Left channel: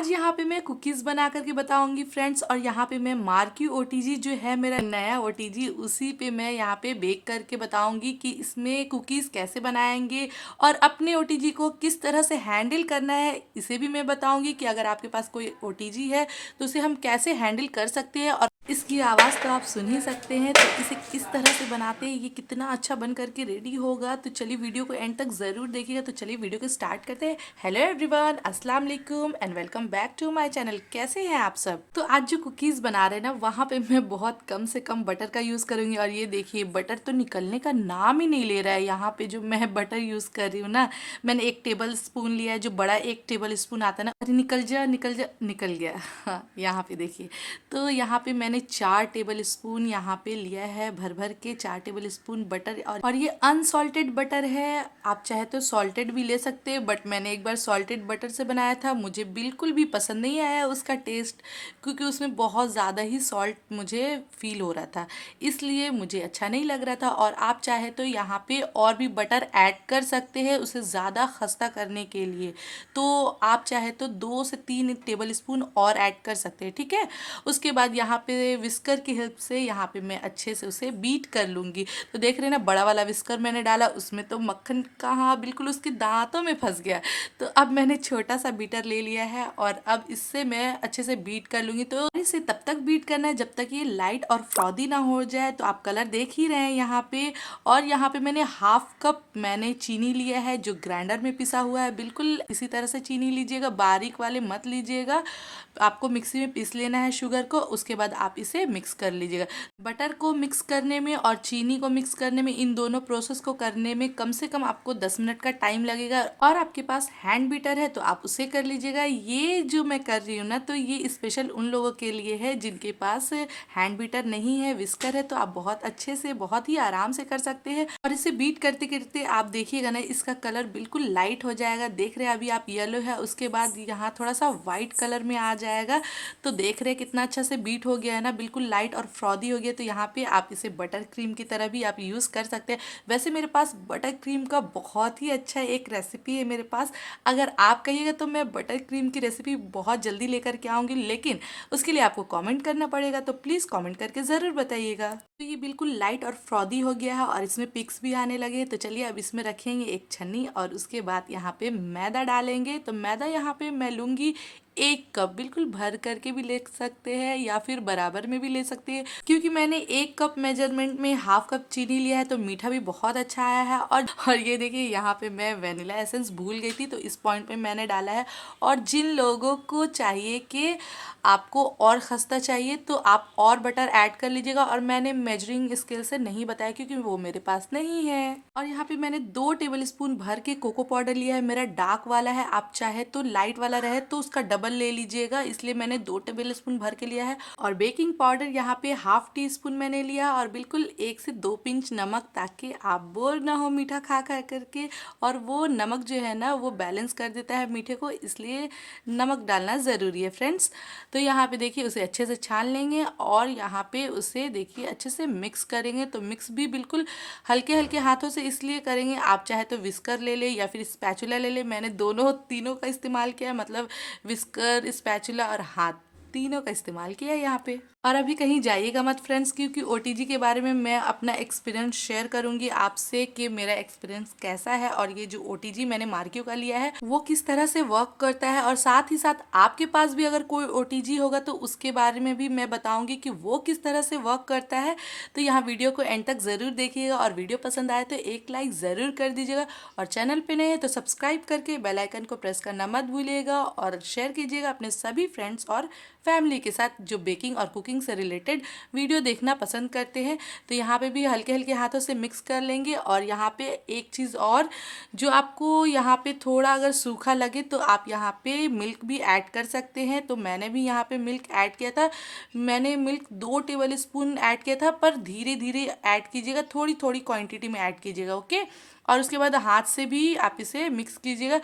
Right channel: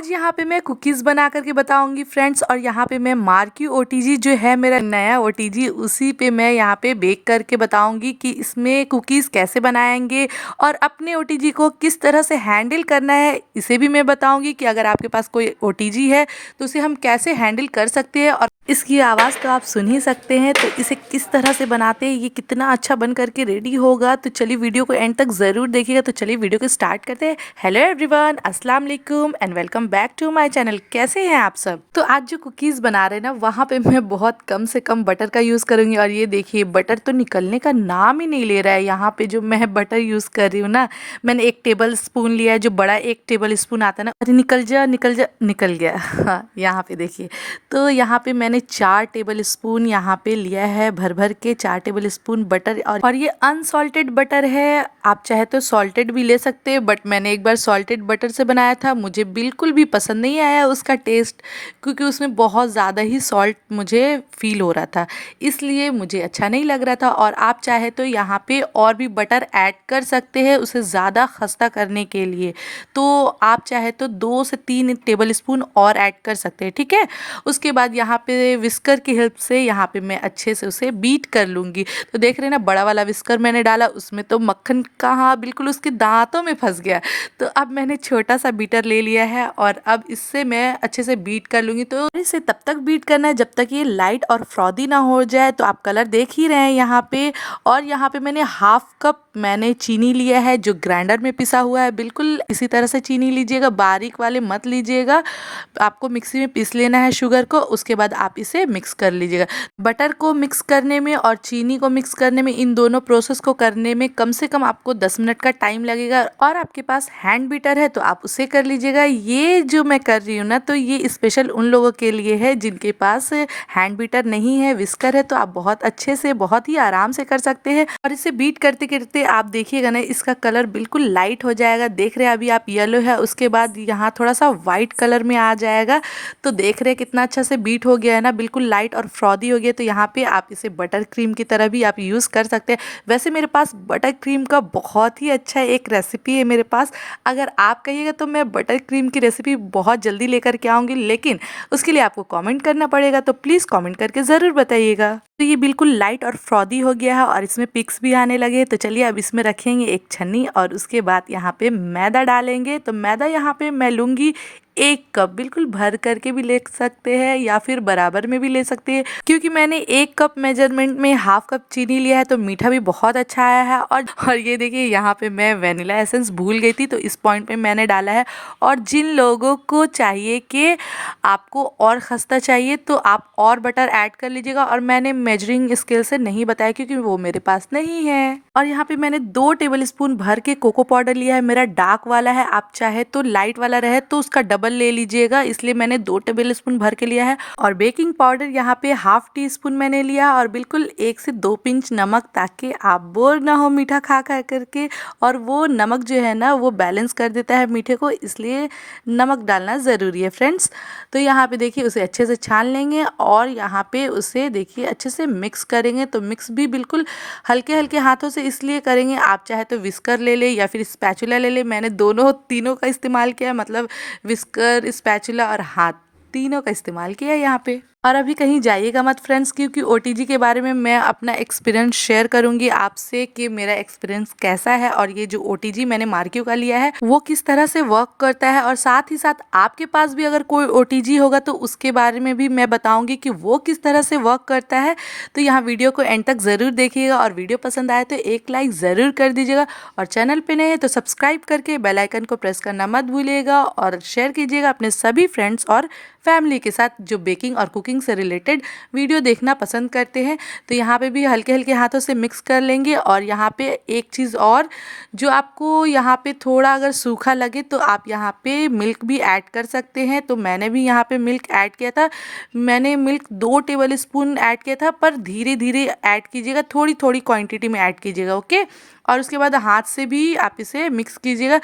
आज यहाँ पे मैं कुकीज़ बना करके बताऊंगी फ्रेंड्स। और यहाँ पे मैं मार्की ओटीजी जो है मेरा नया ओटीजी, उसी पे मैं यहाँ पे बेक करके बताऊंगी कि इसमें कुकीज़ कैसे बनाएंगे और अपने ओटीजी को किस तरह से हैंडल करना है। इसे भी मैं बताऊंगी कि अगर आपके पास कोई ओटीजी है तो उसे हम कैसे हैंडल कर सकते हैं। और इसकी आवाज़ तो आप सुन ही सकते हैं, तो इसे किस तरह से बनाते हैं, ये कितना अच्छा बन करके रेडी होगा। तो चलिए वीडियो को एंड तक ज़रूर देखिएगा। तो चलिए वीडियो को स्टार्ट करते हैं। हेलो एवरीवन, अस्सलाम वालेकुम and welcome back to my channel. कैसे हैं आप सब? तो आज जो कुकीज़ बना रहे हैं ना, वहाँ पे मैं बहुत कम से कम बटर का यूज़ करूँगी। और ये देखिए बटर तो निकलने का नाम ही नहीं ले रहा है। यहाँ पे जो मैं बटर यूज़ कर रही हूँ ना, मैंने 1 टेबल स्पून लिया है, जो बड़ा 1 टेबल स्पून आता है ना। अरे निकल जा निकल जा, निकल गया। हाँ, यहाँ पे देखिए। तो यहाँ पे मैंने 4 टेबल स्पून यहाँ पे लिया है, भर भर के 4 टेबल स्पून बटर। और ये अनसॉल्टेड बटर है, आप चाहे तो सॉल्टेड भी ले सकते हैं, बट मैंने एक बार सॉल्टेड बटर से बनाया था, मुझे बिल्कुल भी पसंद नहीं आया उसका टेस्ट, क्योंकि उसमें बहुत ज़्यादा ही सॉल्ट मुझे फील हो रहा था, इसलिए मुझे अच्छा नहीं लग रहा था। और आप चाहे तो यहाँ पे और भी बटर ऐड कर सकते हैं उसे ज़्यादा खस्ता करने के लिए। तो आप चाहे तो 2 से 3 टेबल स्पून और ऐड कर सकते हैं, ठीक है। उसके बाद यहाँ पे विस्कर की हेल्प से यहाँ पे मैं अच्छे से उसे बीट कर लूँगी। तो देख रहे हैं ना, बड़ा वाला विस्कर मैंने डाला, उसमें तो मक्खन कहाँ बिल्कुल उसके दांतों में फंस गया। तो अब मैंने छोटा सा बीटर ले लिया है और अब इससे मैं अच्छे से बीट कर लूँगी। तो इसे तब तक बीट करना है जब तक ये लाइट और फ्रॉदी ना हो जाए। तो आप कलर देख ही रहे हैं यहाँ पे। और यहाँ पे मैंने 1/2 कप मैंने चीनी लिया है, जो ग्राइंडर में पिसा हुआ है। बिल्कुल इसी तरह से चीनी लीजिएगा, बारीक वाले मत लीजिएगा। आपको मिक्सी में पीस लेना है शुगर को, उसके बाद आप इसे मिक्स कर लीजिएगा। बटर को मिक्स करने में और चीनी को मिक्स करने में, इन दोनों प्रोसेस को करने में कम से कम आपको 10 मिनट का टाइम लगेगा। और आपके पास हैंड बीटर है तो आप उसे कर लीजिएगा। ये जो मैं कर रही हूँ ना, तो ये स्पेशल उन लोगों के लिए है जिनके पास हैंड बीटर नहीं है, विस्कर है, तो आप बहुत अच्छे से बहुत ही आराम से कर सकते हैं। और इसे बीट करते करते आप देखिएगा ना, इसका कलर बिल्कुल लाइट हो जाएगा। देख रहे हैं अभी आप येलो है, उसके बाद यहाँ थोड़ा सा वाइट कलर में आ जाएगा। तो देख रहे हैं कितना अच्छा से बीट हो गया है ना, बिल्कुल लाइट और फ्रॉदी हो गया। तो यहाँ पे आप इसे बटर क्रीम की तरह भी आप यूज़ कर सकते हैं। वैसे मेरे पास बटर क्रीम का बहुत ही अच्छा एक रेसिपी है मेरे पास। अगर आप कहिएगा तो मैं बटर क्रीम की रेसिपी बहुत जल्दी लेकर के आऊँगी, लेकिन उसके लिए आपको कमेंट करना पड़ेगा। तो प्लीज़ कमेंट करके ज़रूर बताइएगा। तो ये बिल्कुल लाइट और फ्रॉदी हो गया है और इसमें पिक्स भी आने लगे। तो चलिए अब इसमें रखेंगे एक छन्नी और उसके बाद यहाँ पे मैदा डालेंगे। तो मैदा यहाँ पे मैं लूँगी 1 कप, बिल्कुल भर करके भी ले सकते हैं या फिर बराबर में भी ले सकते हैं, क्योंकि मैंने 1 कप मेजरमेंट में 1/2 कप चीनी लिया है, तो मीठा भी बहुत अच्छा आया है। और ये देखिए यहाँ पे मैं वेनिला एसेंस भूल गई थी, तो इस पॉइंट पे मैंने डाला है। और जिन लोगों को चाहिए कि आपको और खस्ता चाहिए तो आप और बटर ऐड कर लीजिएगा। और मैंने मेजरिंग स्केल से नहीं बताया क्योंकि वो मेरे पास नहीं है। और यहाँ पे मैंने 2 टेबल स्पून भर के कोको पाउडर लिया है, मेरा डार्क वाला है। आप चाहे तो लाइट वाला रहे तो उसका डबल ले लीजिएगा, इसलिए मैंने 2 टेबल स्पून भर के लिया है। और बेकिंग पाउडर यहाँ पे 1/2 टी स्पून मैंने लिया। और बिल्कुल 1 से 2 पिंच नमक, ताकि आप बोर ना हो मीठा खा खा करके। और वो नमक जो है ना, वो बैलेंस कर देता है मीठे को, इसलिए नमक डालना ज़रूरी है फ्रेंड्स। तो यहाँ पे देखिए उसे अच्छे से छान लेंगे और यहाँ पे उसे देखिए अच्छे से मिक्स करेंगे। तो मिक्स भी बिल्कुल हल्के हल्के हाथों से इसलिए करेंगे। आप चाहे तो विस्कर ले ले या फिर स्पैचुला ले ले, मैंने दोनों तीनों का इस्तेमाल किया, मतलब विस्कर, स्पैचुला और हाथ, तीनों का इस्तेमाल किया यहाँ पे। और अभी कहीं जाइएगा मत फ्रेंड्स, क्योंकि ओटीजी के बारे में मैं अपना एक्सपीरियंस शेयर करूंगी आपसे कि मेरा एक्सपीरियंस कैसा है और ये जो ओटीजी मैंने मार्कियो का लिया है वो किस तरह से वर्क करता है। और साथ ही साथ आपके पास भी अगर कोई ओटीजी होगा तो उसके बारे में भी मैं बताऊंगी कि वो किस तरह से वर्क करता है। तो यहाँ वीडियो को एंड तक ज़रूर देखिएगा और वीडियो पसंद आए तो एक लाइक ज़रूर कर दीजिएगा। और चैनल पे नए हैं तो सब्सक्राइब करके बेल आइकन को प्रेस करना मत भूलिएगा और शेयर कीजिएगा अपने सभी फ्रेंड्स और फैमिली के साथ जो बेकिंग और कुकिंग से रिलेटेड वीडियो देखना पसंद करते हैं। तो यहाँ पे भी हल्के हल्के हाथों से मिक्स कर लेंगे। और यहाँ पे एक चीज़ और, जो आपको यहाँ पे थोड़ा अगर सूखा लगे तो आप यहाँ पे मिल्क भी ऐड कर सकते हैं। तो मैंने भी यहाँ पे मिल्क ऐड किया था, मैंने मिल्क 2 टेबल स्पून ऐड किया था, पर धीरे धीरे ऐड कीजिएगा, थोड़ी थोड़ी क्वांटिटी में ऐड कीजिएगा, ओके। और उसके बाद हाथ से भी आप इसे मिक्स कीजिएगा।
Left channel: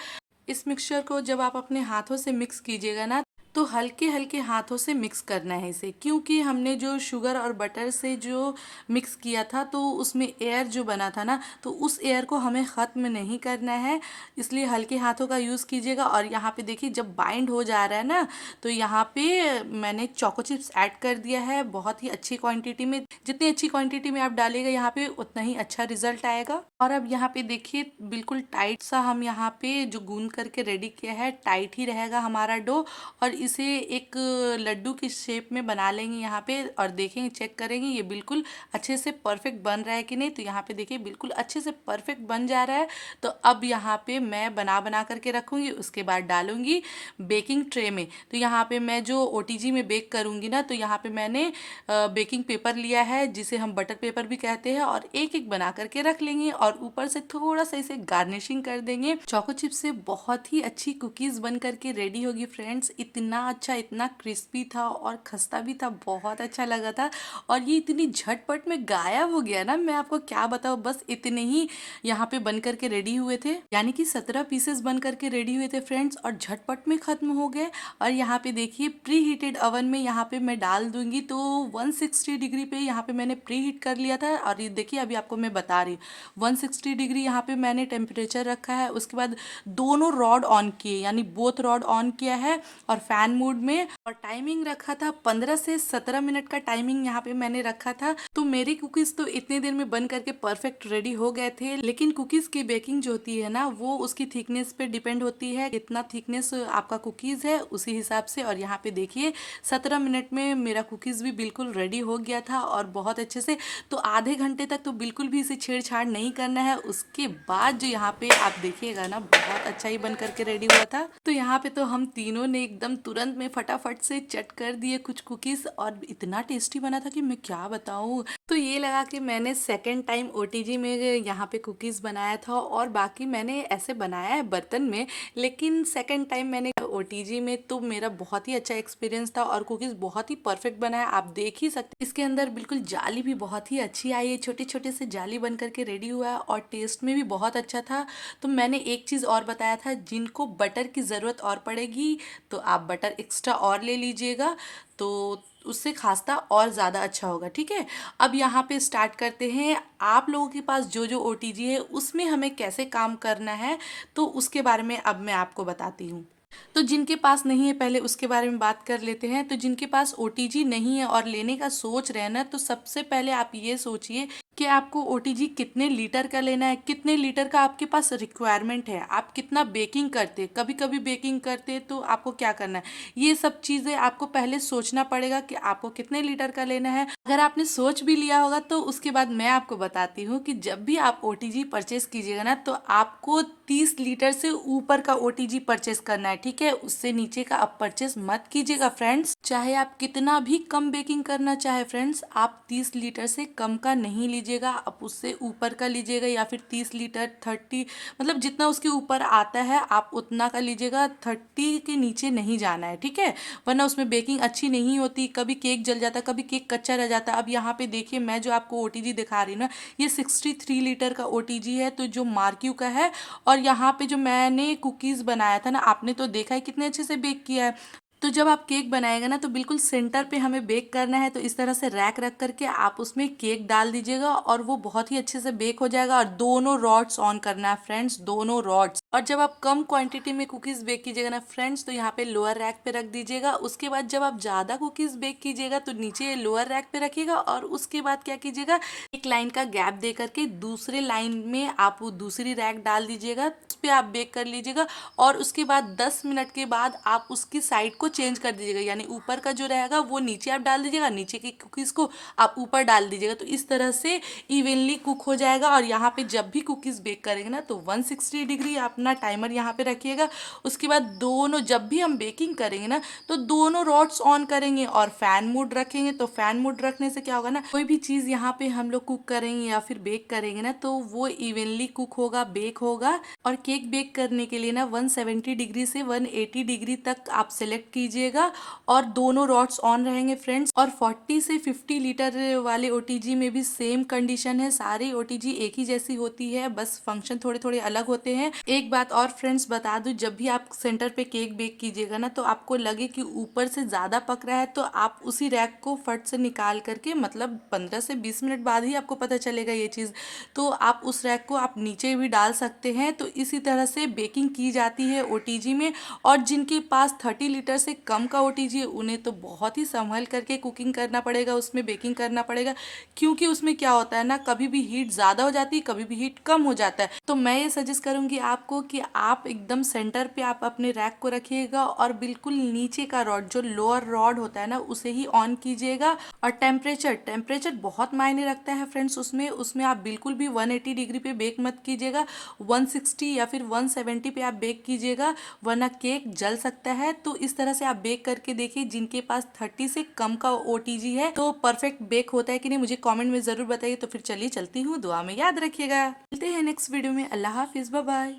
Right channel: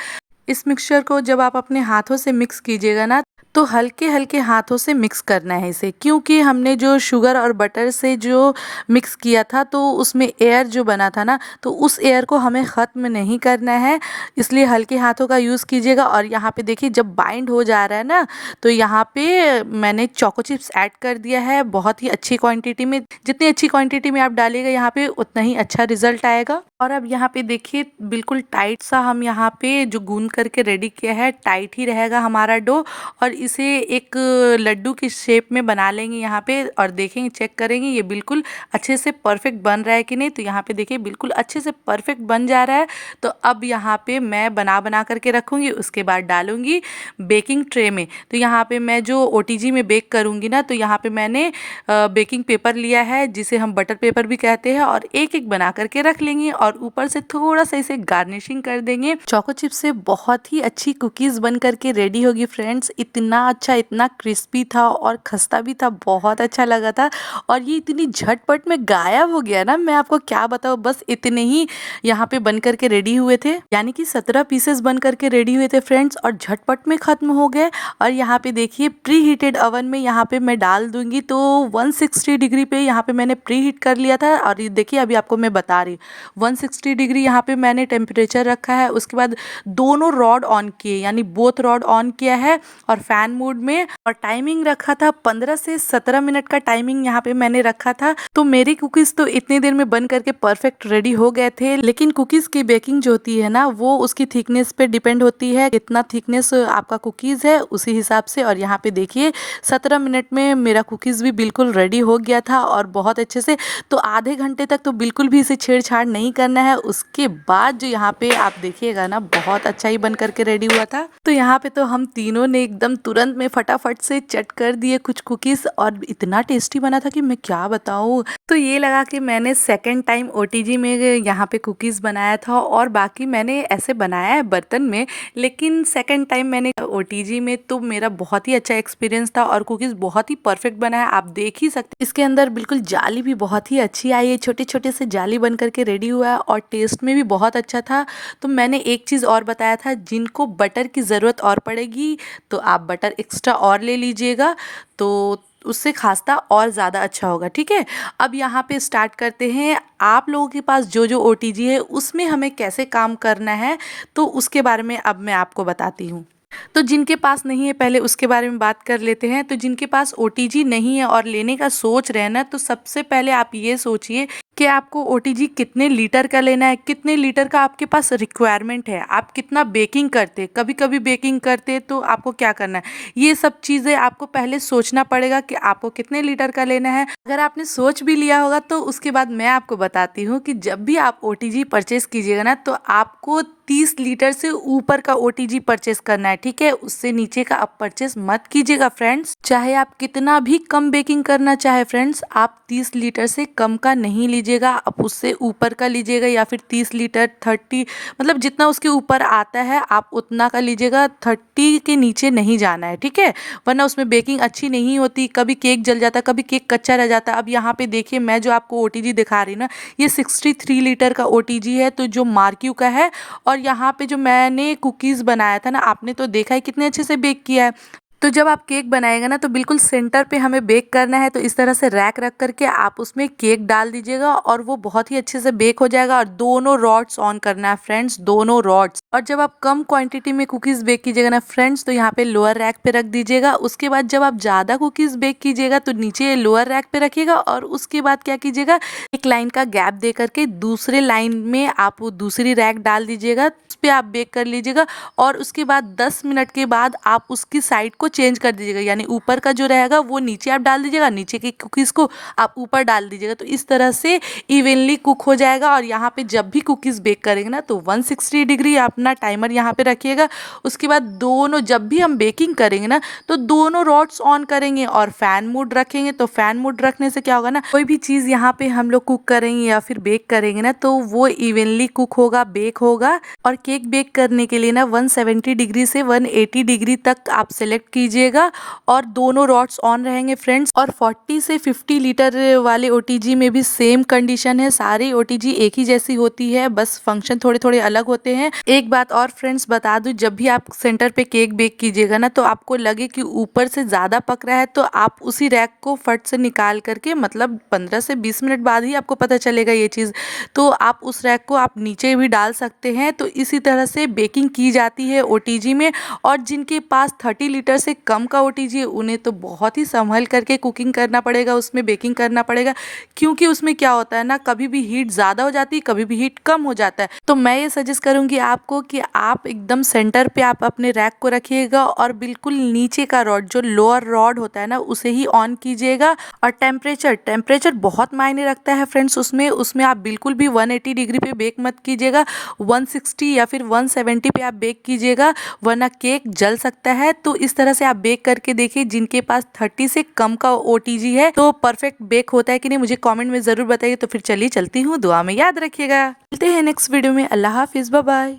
इस मिक्सचर को जब आप अपने हाथों से मिक्स कीजिएगा ना, तो हल्के-हल्के हाथों से मिक्स करना है इसे, क्योंकि हमने जो शुगर और बटर से जो मिक्स किया था तो उसमें एयर जो बना था ना, तो उस एयर को हमें ख़त्म नहीं करना है, इसलिए हल्के हाथों का यूज़ कीजिएगा। और यहाँ पे देखिए जब बाइंड हो जा रहा है ना, तो यहाँ पे मैंने चोको चिप्स ऐड कर दिया है बहुत ही अच्छी क्वांटिटी में। जितनी अच्छी क्वांटिटी में आप डालिएगा यहाँ पे उतना ही अच्छा रिजल्ट आएगा। और अब यहाँ पे देखिए बिल्कुल टाइट सा हम यहाँ पे जो गूंद करके रेडी किया है, टाइट ही रहेगा हमारा डो। और इसे एक लड्डू की शेप में बना लेंगे यहाँ पे, और देखेंगे, चेक करेंगे ये बिल्कुल अच्छे से परफेक्ट बन रहा है कि नहीं। तो यहाँ पे देखिए बिल्कुल अच्छे से परफेक्ट बन जा रहा है। तो अब यहाँ पे मैं बना करके रखूँगी, उसके बाद डालूँगी बेकिंग ट्रे में। तो यहाँ पे मैं जो ओटीजी में बेक करूँगी ना, तो यहाँ पे मैंने बेकिंग पेपर लिया है जिसे हम बटर पेपर भी कहते हैं, और एक एक बना करके रख लेंगे और ऊपर से थोड़ा सा इसे गार्निशिंग कर देंगे। चोको चिप से बहुत ही अच्छी कुकीज़ बन करके रेडी होगी फ्रेंड्स। इतना अच्छा, इतना क्रिस्पी था और खस्ता भी था, बहुत अच्छा लगा था। और ये इतनी झटपट में गायब हो गया ना, मैं आपको क्या बताऊँ, बस इतने ही यहाँ पे बन करके रेडी हुए थे, यानी कि 17 पीसेस बन करके रेडी हुए थे फ्रेंड्स, और झटपट में ख़त्म हो गए। और यहाँ पे देखिए प्री हीटेड ओवन में यहाँ पे मैं डाल दूंगी, तो 160 डिग्री पे यहाँ पे मैंने प्री हीट कर लिया था। और ये देखिए अभी आपको मैं बता रही हूँ 160 डिग्री यहाँ पे मैंने टेम्परेचर रखा है। उसके बाद दोनों रॉड ऑन किए, यानी बोथ रॉड ऑन किया है और फैन मोड में, और टाइमिंग रखा था 15 से 17 मिनट का टाइमिंग यहाँ पे मैंने रखा था। तो मेरी कुकीज़ तो इतनी देर में बन करके परफेक्ट रेडी हो गए थे। लेकिन कुकीज़ की बेकिंग जो होती है ना, वो उसकी थिकनेस पे डिपेंड होती है, कितना थिकनेस आपका कुकीज़ है उसी हिसाब से। और यहाँ पे देखिए 17 मिनट में मेरा कुकीज़ भी बिल्कुल रेडी हो गया था और बहुत अच्छे से। तो आधे घंटे तक तो बिल्कुल भी इसे छेड़छाड़ नहीं करना है। उसके बाद जो यहाँ पे आप देखिएगा ना, बहुत अच्छा ही बन करके रेडी हुआ था। तो यहाँ पे तो हम तीनों ने एकदम तुरंत में फटाफट से चट कर दिए कुछ कुकीज़, और इतना टेस्टी बना था कि मैं क्या बताऊँ। तो ये लगा कि मैंने सेकेंड टाइम ओटीजी में यहाँ पे कुकीज़ बनाया था, और बाकी मैंने ऐसे बनाया है बर्तन में, लेकिन सेकेंड टाइम मैंने ओटीजी में, तो मेरा बहुत ही अच्छा एक्सपीरियंस था और कुकीज़ बहुत ही परफेक्ट बना है। आप देख ही सकते, इसके अंदर बिल्कुल जाली भी बहुत ही अच्छी आई है, छोटे छोटे से जाली बन करके रेडी हुआ है, और टेस्ट में भी बहुत अच्छा था। तो मैंने एक चीज़ और बताया था, जिनको बटर की ज़रूरत और पड़ेगी तो आप बटर एक्स्ट्रा और ले लीजिएगा, तो उससे खास्ता और ज़्यादा अच्छा होगा। ठीक है, अब यहाँ पे स्टार्ट करते हैं। आप लोगों के पास जो जो ओटीजी है उसमें हमें कैसे काम करना है, तो उसके बारे में अब मैं आपको बताती हूँ। तो जिनके पास नहीं है पहले उसके बारे में बात कर लेते हैं। तो जिनके पास ओटीजी नहीं है और लेने का सोच रहे हैं ना, तो सबसे पहले आप ये सोचिए कि आपको ओटीजी कितने लीटर का लेना है, कितने लीटर का आपके पास रिक्वायरमेंट है, आप कितना बेकिंग करते, कभी कभी बेकिंग करते, तो आपको क्या करना है, ये सब चीज़ें आपको पहले सोचना पड़ेगा कि आपको कितने लीटर का लेना है। अगर आपने सोच भी लिया होगा तो उसके बाद मैं आपको बताती हूँ कि जब भी आप ओटीजी परचेस कीजिएगा ना, तो आपको 30 लीटर से ऊपर का ओटीजी परचेस करना है। ठीक है, उससे नीचे का आप परचेस मत कीजिएगा फ्रेंड्स। चाहे आप कितना भी कम बेकिंग करना चाहे फ्रेंड्स, आप 30 लीटर से कम का नहीं लीजिएगा, आप उससे ऊपर का लीजिएगा, या फिर 30 लीटर 30, मतलब जितना उसके ऊपर आता है आप उतना का लीजिएगा। 30 के नीचे नहीं जाना है, ठीक है, वरना उसमें बेकिंग अच्छी नहीं होती, कभी केक जल जाता है, कभी केक कच्चा रह जाता है। अब यहाँ पे देखिए मैं जो आपको ओटीजी दिखा रही हूँ ना, ये 63 लीटर का ओटीजी है, तो जो मार्क्यू का है। और यहाँ पे जो मैंने कुकीज़ बनाया था ना, आपने तो देखा है कितने अच्छे से बेक किया है। तो जब आप केक बनाएगा ना, तो बिल्कुल सेंटर पे हमें बेक करना है। तो इस तरह से रैक रख करके आप उसमें केक डाल दीजिएगा, और वो बहुत ही अच्छे से बेक हो जाएगा। और दोनों रॉड्स ऑन करना है फ्रेंड्स, दोनों रॉड्स। और जब आप कम क्वांटिटी में कुकीज़ बेक कीजिएगा ना फ्रेंड्स, तो यहाँ पे लोअर रैक पे रख दीजिएगा। उसके बाद जब आप ज़्यादा कुकीज़ बेक कीजिएगा तो नीचे लोअर रैक पे रखिएगा, और उसके बाद क्या कीजिएगा, एक लाइन का गैप दे करके दूसरे लाइन में आप दूसरी रैक डाल दीजिएगा, उस पर आप बेक कर लीजिएगा। और उसके बाद 10 मिनट के बाद आप उसकी साइड को चेंज कर दीजिएगा, यानी ऊपर का जो रहेगा वो नीचे आप डाल दीजिएगा, नीचे की कुकीज़ को आप ऊपर डाल दीजिएगा। तो इस तरह से इवनली कुक हो जाएगा। और यहाँ पे जब भी कुकीज़ बेक करेंगे ना, तो 160 डिग्री अपना टाइमर यहाँ पे रखिएगा। उसके बाद दोनों, जब भी हम बेकिंग करेंगे ना, तो दोनों रॉड्स ऑन करेंगे और फैन मोड रखेंगे। तो फैन मोड रखने से क्या होगा ना, कोई भी चीज़ यहाँ पे हम लोग कुक करेंगे या फिर बेक करेंगे ना, तो वो इवनली कुक होगा, बेक होगा। और केक बेक करने के लिए ना 170 डिग्री से 180 डिग्री तक आप सेलेक्ट कीजिएगा और दोनों रॉड्स ऑन रहेंगे फ्रेंड्स। और 40 से 50 लीटर वाले ओटीजी में भी सेम कंडीशन है, सारी ओटीजी एक ही जैसी होती है, बस फंक्शन थोड़े थोड़े अलग होते हैं। एक बात और फ्रेंड्स बता दूं, जब भी आप सेंटर पे केक बेक कीजिएगा ना, तो आपको लगे कि ऊपर से ज़्यादा पक रहा है, तो आप उसी रैक को फट से निकाल करके, मतलब 15 से 20 मिनट बाद ही आपको पता चलेगा ये चीज़, तो आप उस रैक को आप नीचे भी डाल सकते हैं। तो इसी तरह से बेकिंग की जाती है ओटीजी में। और जिनके पास 30 लीटर से कम का ओटीजी है, उन्हें तो बहुत ही संभल करके कुकिंग करना पड़ेगा, उसमें बेकिंग करना पड़ेगा, क्योंकि उसमें क्या होता है ना, कभी भी हीट ज़्यादा हो जाती है, कभी भी हीट कम हो जाता है। तो मैं ये सजेस्ट करूँगी आपको कि आप एकदम सेंटर पे आप अपने रैक को रखिएगा और बिल्कुल नीचे का रॉड, जो लोअर रॉड होता है ना, उसे ही ऑन कीजिएगा। और टेम्परेचर बहुत मायने रखता है फ्रेंड्स। उसमें आप बिल्कुल भी 180 डिग्री पे बेक मत कीजिएगा, 160 या फिर 170 पे आप बेक कीजिएगा, वरना केक जल सकता है। तो इस तरह से आप बेक करके देखिए। जिनके पास 30 से कम का ओटीजी है, तो परफेक्ट बेक होता है कि नहीं, मुझे कमेंट में जरूर बताइए। तो फिर चलिए चलती हूँ, दुआ में याद रखिएगा। मिलते हैं नेक्स्ट वीडियो में। अल्लाह हाफिज, बाय बाय।